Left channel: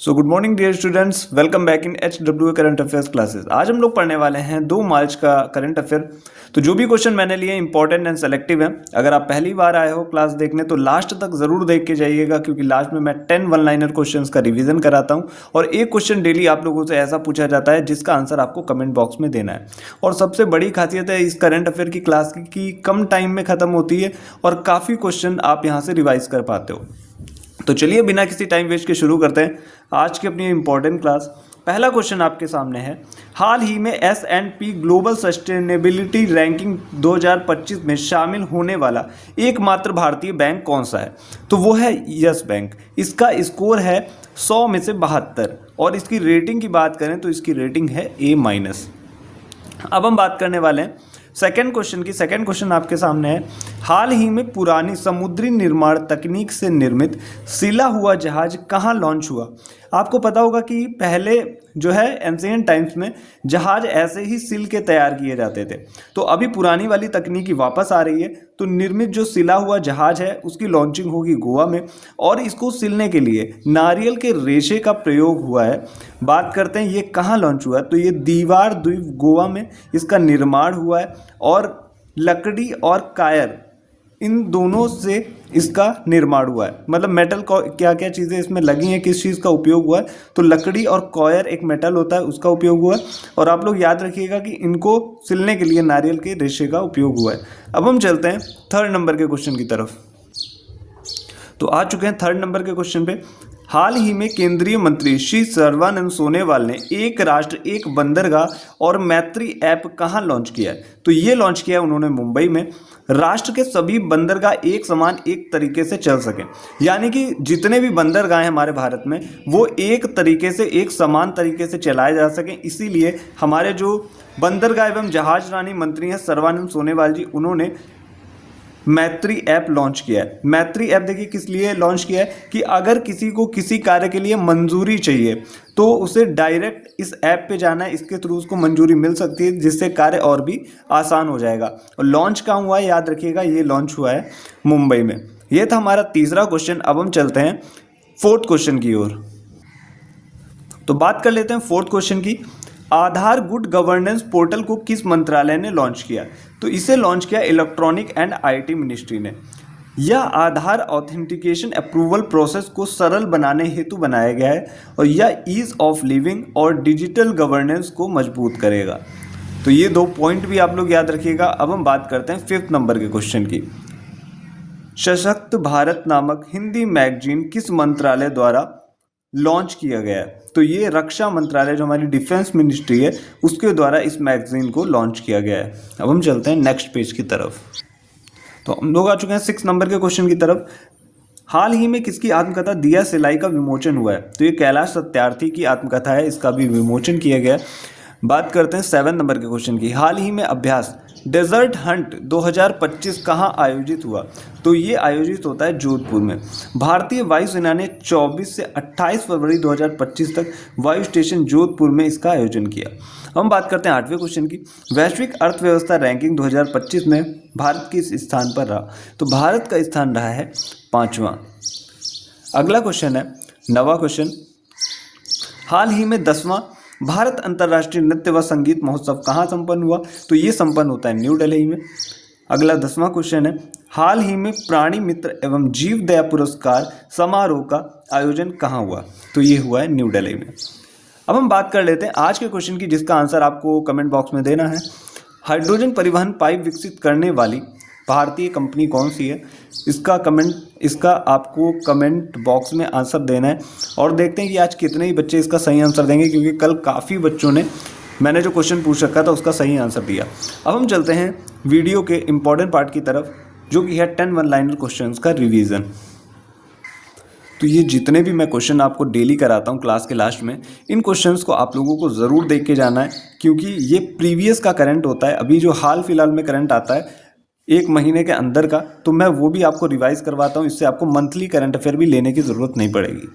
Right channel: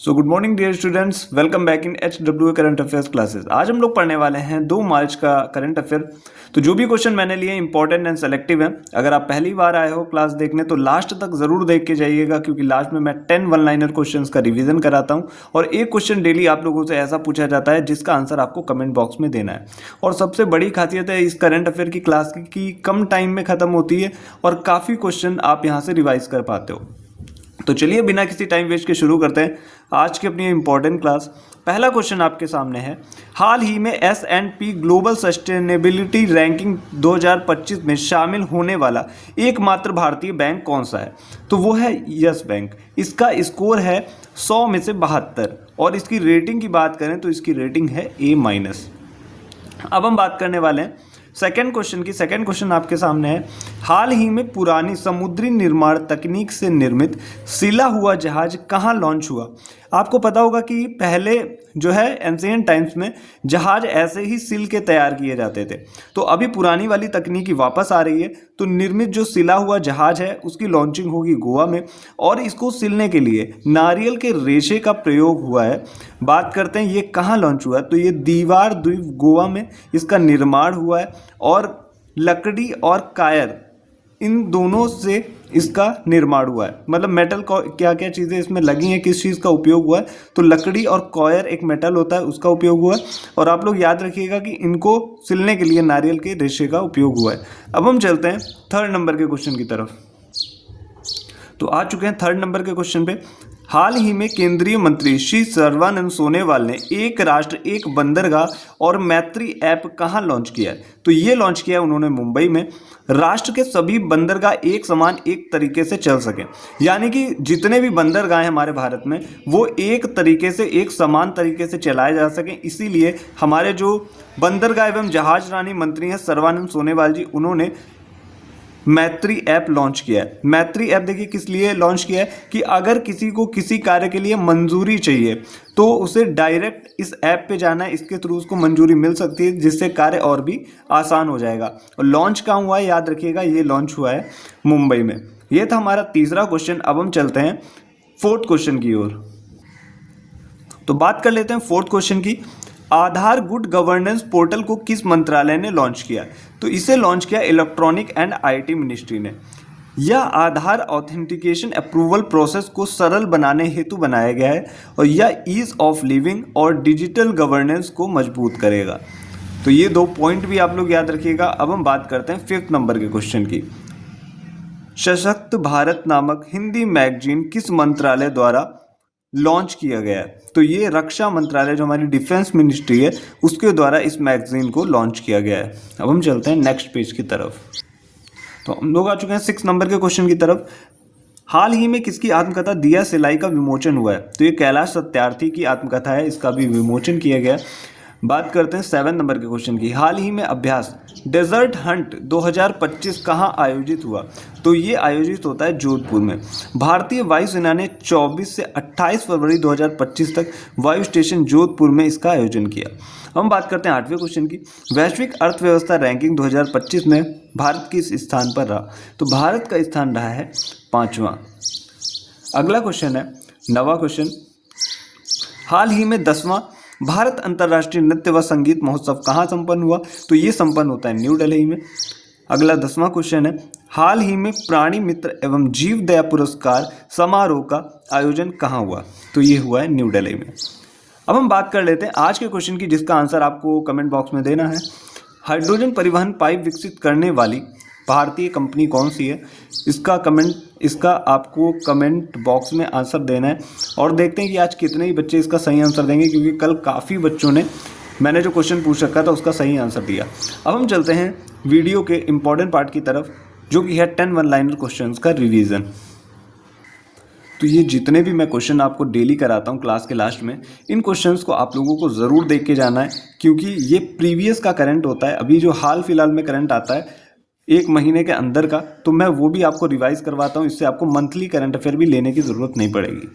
So good morning dear students, welcome back in HW current affairs classes. आज हम लोग पढ़ने वाले हैं 2 मार्च का करंट अफेयर। तो जो भी क्वेश्चन मैंने लिए इंपॉर्टेंट एंड सेलेक्टिव हैं। अगर आप पहली बार आए हो क्लास देखने तो लास्ट तक जरूर देख के जाइएगा, क्योंकि लास्ट में मैं 10 वन लाइनर क्वेश्चंस का रिवीजन कराता हूं और एक क्वेश्चन डेली आप लोगों से ऐसा पूछा जाता है जिसका आंसर आपको कमेंट बॉक्स में देना है। और सबसे बड़ी खासियत है इस करंट अफेयर की क्लास की कम टाइम में खत्म होती है और काफ़ी क्वेश्चन आप यहाँ से रिवाइज कर पाते हो। तो चलिए बिना किसी टाइम वेस्ट के शुरू करते हैं आज की अपनी इंपॉर्टेंट क्लास। पहला क्वेश्चन आपके सामने है, हाल ही में S&P ग्लोबल सस्टेनेबिलिटी रैंकिंग 2025 में शामिल होने वाला एकमात्र भारतीय बैंक कौन सा है? तो वो है यस बैंक। इसका स्कोर है 100 में से 72 और इसकी रेटिंग की बात करें तो इसकी रेटिंग है A-। अब हम बात करने वाले हैं सेकंड क्वेश्चन की। सेकंड क्वेश्चन आपके सामने है, हाल ही में पुरानी समुद्री निर्माण तकनीक से निर्मित सिला हुआ जहाज कहाँ लॉन्च हुआ? आपको पता होगा कि पहले जो है एंशिएंट टाइम्स में जहाज ऐसे ही सिल के तैयार किए जाते थे। तो अभी पुरानी वाली तकनीकी वापस आ रही है, तो निर्मित जो सिला हुआ जहाज है उसकी लॉन्चिंग होगी गोवा में और इसको सिलने के लिए नारियल के रेशे का प्रयोग हुआ है। बात करते हैं ये कहाँ लॉन्च हुआ है, तो ये दीवार द्वीप गोवा में इसका निर्माण हुआ है और लकड़ी और कायर इन दोनों से इसका निर्माण हुआ है। मतलब मेटल को क्या क्या चीज़ें इसमें लगी हैं, किस चीज़ का उपयोग हुआ है, तो लकड़ी और कॉयर एक मेटल होता है उसका उपयोग हुआ है। और आप लोग याद रखिएगा कि इनको सिलने के लिए नारियल के रेशे का उपयोग हुआ है। अब हम चलते हैं थर्ड नंबर के क्वेश्चन की तरफ। तो आ चुके हैं थर्ड नंबर के क्वेश्चन पे। हाल ही में केंद्रीय मंत्री श्री सर्बानंद सोनोवाल ने एक राष्ट्र एक बंदरगाह और मैत्री ऐप कहाँ लॉन्च किया है? तो ये लॉन्च किया उन्होंने मुंबई में। राष्ट्र के सभी बंदरगाह एक समान एक तरीके से चल सके, यानी कि जितने भी बंदरगाह हैं हमारे भारत में वो एक तरीके से एक समान तरीके से चलाए जा सकें। इसीलिए हमारे जो बंदरगाह एवं जहाज रानी मंत्री हैं सर्बानंद सोनोवाल जी, उन्होंने मैत्री ऐप लॉन्च किया है। मैत्री ऐप देखिए किस लिए लॉन्च किया है कि अगर किसी को किसी कार्य के लिए मंजूरी चाहिए तो उसे डायरेक्ट इस ऐप पे जाना है, इसके थ्रू उसको मंजूरी मिल सकती है, जिससे कार्य और भी आसान हो जाएगा। और लॉन्च कहाँ हुआ है याद रखिएगा, ये लॉन्च हुआ है मुंबई में। ये था हमारा तीसरा क्वेश्चन। अब हम चलते हैं फोर्थ क्वेश्चन की ओर। तो बात कर लेते हैं फोर्थ क्वेश्चन की। आधार गुड गवर्नेंस पोर्टल को किस मंत्रालय ने लॉन्च किया? तो इसे लॉन्च किया इलेक्ट्रॉनिक एंड IT मिनिस्ट्री ने। यह आधार ऑथेंटिकेशन अप्रूवल प्रोसेस को सरल बनाने हेतु बनाया गया है और यह ईज ऑफ लिविंग और डिजिटल गवर्नेंस को मजबूत करेगा। तो ये 2 पॉइंट भी आप लोग याद रखिएगा। अब हम बात करते हैं 5th नंबर के क्वेश्चन की। सशक्त भारत नामक हिंदी मैगजीन किस मंत्रालय द्वारा लॉन्च किया गया है? तो ये रक्षा मंत्रालय जो हमारी डिफेंस मिनिस्ट्री है उसके द्वारा इस मैगजीन को लॉन्च किया गया है। अब हम चलते हैं नेक्स्ट पेज की तरफ। तो हम लोग आ चुके हैं 6 नंबर के क्वेश्चन की तरफ। हाल ही में किसकी आत्मकथा दिया सिलाई का विमोचन हुआ है? तो ये कैलाश सत्यार्थी की आत्मकथा है, इसका भी विमोचन किया गया है। बात करते हैं 7 नंबर के क्वेश्चन की। हाल ही में अभ्यास डेजर्ट हंट 2025 कहाँ आयोजित हुआ? तो ये आयोजित होता है जोधपुर में। भारतीय वायुसेना ने 24 से 28 फरवरी 2025 तक वायु स्टेशन जोधपुर में इसका आयोजन किया। हम बात करते हैं 8वें क्वेश्चन की। वैश्विक अर्थव्यवस्था रैंकिंग 2025 में भारत किस स्थान पर रहा? तो भारत का स्थान रहा है 5वां। अगला क्वेश्चन है 9वां क्वेश्चन। हाल ही में 10वां भारत अंतर्राष्ट्रीय नृत्य व संगीत महोत्सव कहाँ संपन्न हुआ? तो ये संपन्न होता है न्यू दिल्ली में। अगला 10वां क्वेश्चन है, हाल ही में प्राणी मित्र एवं जीव दया पुरस्कार समारोह का आयोजन कहाँ हुआ? तो ये हुआ है न्यू दिल्ली में। अब हम बात कर लेते हैं आज के क्वेश्चन की, जिसका आंसर आपको कमेंट बॉक्स में देना है। हाइड्रोजन परिवहन पाइप विकसित करने वाली भारतीय कंपनी कौन सी है? इसका आपको कमेंट बॉक्स में आंसर देना है और देखते हैं कि आज कितने ही बच्चे इसका सही आंसर देंगे, क्योंकि कल काफ़ी बच्चों ने मैंने जो क्वेश्चन पूछ रखा था उसका सही आंसर दिया। अब हम चलते हैं वीडियो के इम्पोर्टेंट पार्ट की तरफ, जो कि है 10 वन लाइनर क्वेश्चन का रिवीजन। तो ये जितने भी मैं क्वेश्चन आपको डेली कराता हूँ क्लास के लास्ट में, इन क्वेश्चंस को आप लोगों को ज़रूर देख के जाना है, क्योंकि ये प्रीवियस का करंट होता है। अभी जो हाल फिलहाल में करंट आता है 1 महीने के अंदर का, तो मैं वो भी आपको रिवाइज करवाता हूँ। इससे आपको मंथली करंट अफेयर भी लेने की ज़रूरत नहीं पड़ेगी।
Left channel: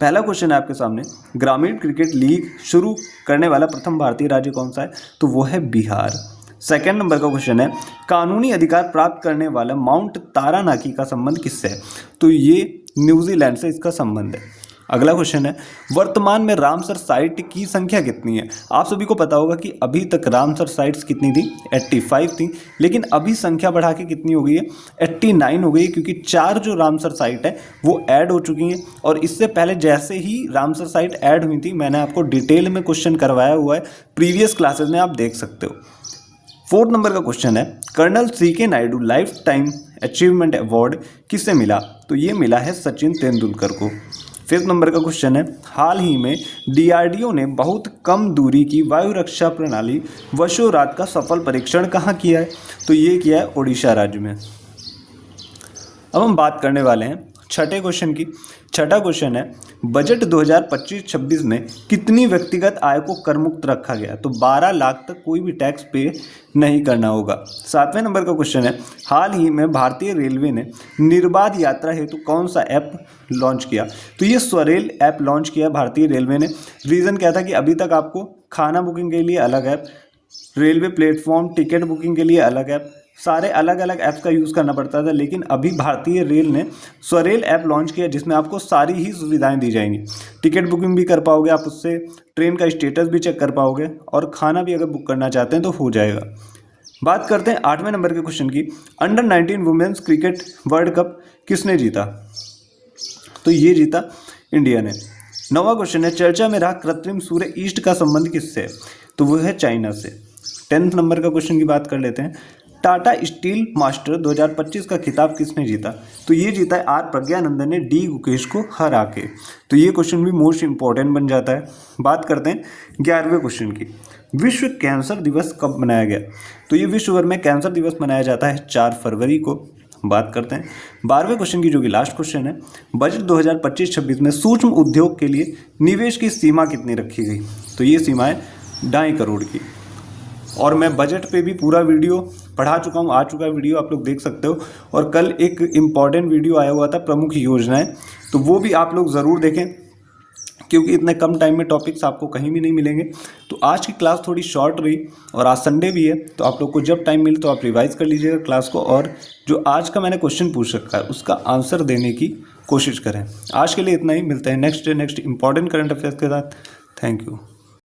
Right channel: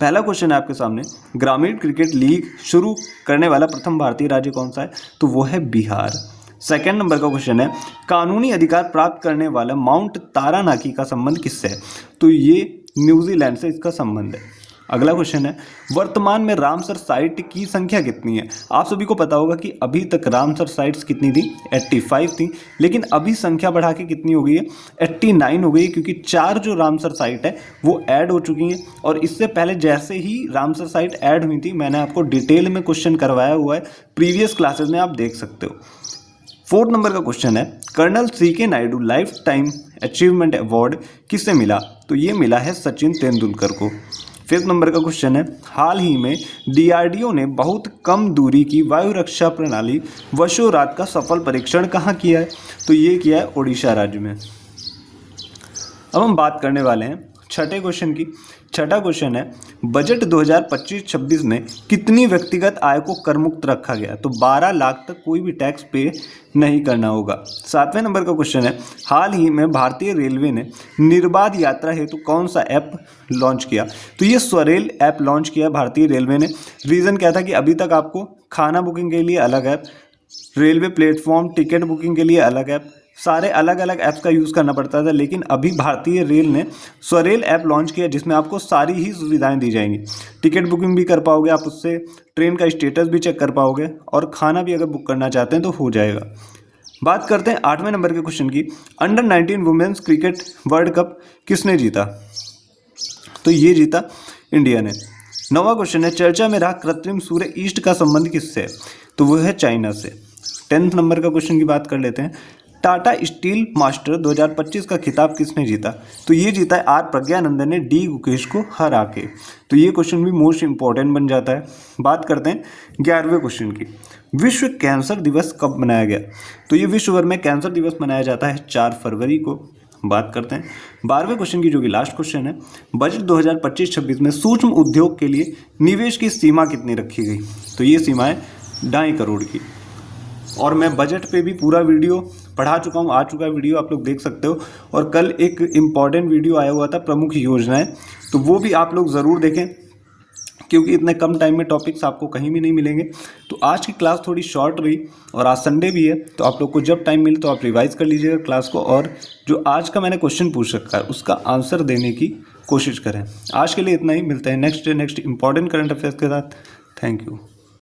पहला क्वेश्चन है आपके सामने, ग्रामीण क्रिकेट लीग शुरू करने वाला प्रथम भारतीय राज्य कौन सा है? तो वो है बिहार। सेकंड नंबर का क्वेश्चन है, कानूनी अधिकार प्राप्त करने वाला माउंट तारानाकी का संबंध किससे है? तो ये न्यूजीलैंड से इसका संबंध है। अगला क्वेश्चन है, वर्तमान में रामसर साइट की संख्या कितनी है? आप सभी को पता होगा कि अभी तक रामसर साइट्स कितनी थी, 85 थी, लेकिन अभी संख्या बढ़ा के कितनी हो गई है, 89 हो गई है, क्योंकि 4 जो रामसर साइट है वो ऐड हो चुकी हैं। और इससे पहले जैसे ही रामसर साइट ऐड हुई थी, मैंने आपको डिटेल में क्वेश्चन करवाया हुआ है, प्रीवियस क्लासेस में आप देख सकते हो। 4 नंबर का क्वेश्चन है, colonel CK Naidu life time achievement award किसे मिला? तो ये मिला है सचिन तेंदुलकर को। 5 नंबर का क्वेश्चन है, हाल ही में DRDO ने बहुत कम दूरी की वायु रक्षा प्रणाली वशोरात का सफल परीक्षण कहाँ किया है? तो ये किया है ओडिशा राज्य में। अब हम बात करने वाले हैं छठे क्वेश्चन की। छठा क्वेश्चन है, बजट 2025-26 में कितनी व्यक्तिगत आय को करमुक्त रखा गया? तो 12 लाख तक कोई भी टैक्स पे नहीं करना होगा। 7वें नंबर का क्वेश्चन है, हाल ही में भारतीय रेलवे ने निर्बाध यात्रा हेतु कौन सा ऐप लॉन्च किया? तो ये स्वरेल ऐप लॉन्च किया भारतीय रेलवे ने। रीज़न क्या था कि अभी तक आपको खाना बुकिंग के लिए अलग app, railway platform ticket booking के लिए अलग ऐप, सारे अलग अलग ऐप्स का यूज़ करना पड़ता था, लेकिन अभी भारतीय रेल ने स्वरेल ऐप लॉन्च किया जिसमें आपको सारी ही सुविधाएं दी जाएंगी। टिकट बुकिंग भी कर पाओगे आप उससे, ट्रेन का स्टेटस भी चेक कर पाओगे, और खाना भी अगर बुक करना चाहते हैं तो हो जाएगा। बात करते हैं 8वें नंबर के क्वेश्चन की, under 19 women's cricket world cup किसने जीता? तो ये जीता इंडिया ने। 9वां क्वेश्चन है, चर्चा में रहा कृत्रिम सूर्य ईस्ट का संबंध किससे? तो वो है चाइना से। 10th नंबर का क्वेश्चन की बात कर लेते हैं, टाटा स्टील मास्टर 2025 का खिताब किसने जीता? तो ये जीता है आर प्रज्ञानंदन ने डी गुकेश को हरा के। तो ये क्वेश्चन भी मोस्ट इंपॉर्टेंट बन जाता है। बात करते हैं 11वें क्वेश्चन की, विश्व कैंसर दिवस कब मनाया गया? तो ये विश्व भर में कैंसर दिवस मनाया जाता है 4 फरवरी को। बात करते हैं 12वें क्वेश्चन की, जो कि लास्ट क्वेश्चन है, बजट 2025-26 में सूक्ष्म उद्योग के लिए निवेश की सीमा कितनी रखी गई? तो ये सीमा है 2.5 करोड़ की। और मैं बजट पे भी पूरा वीडियो पढ़ा चुका हूँ, आ चुका है वीडियो, आप लोग देख सकते हो। और कल एक इम्पॉर्टेंट वीडियो आया हुआ था, प्रमुख योजनाएं, तो वो भी आप लोग ज़रूर देखें, क्योंकि इतने कम टाइम में टॉपिक्स आपको कहीं भी नहीं मिलेंगे। तो आज की क्लास थोड़ी शॉर्ट रही, और आज संडे भी है, तो आप लोग को जब टाइम मिले तो आप रिवाइज कर लीजिएगा क्लास को, और जो आज का मैंने क्वेश्चन पूछ रखा है उसका आंसर देने की कोशिश करें। आज के लिए इतना ही, मिलते हैं नेक्स्ट इंपॉर्टेंट करंट अफेयर्स के साथ। Thank you.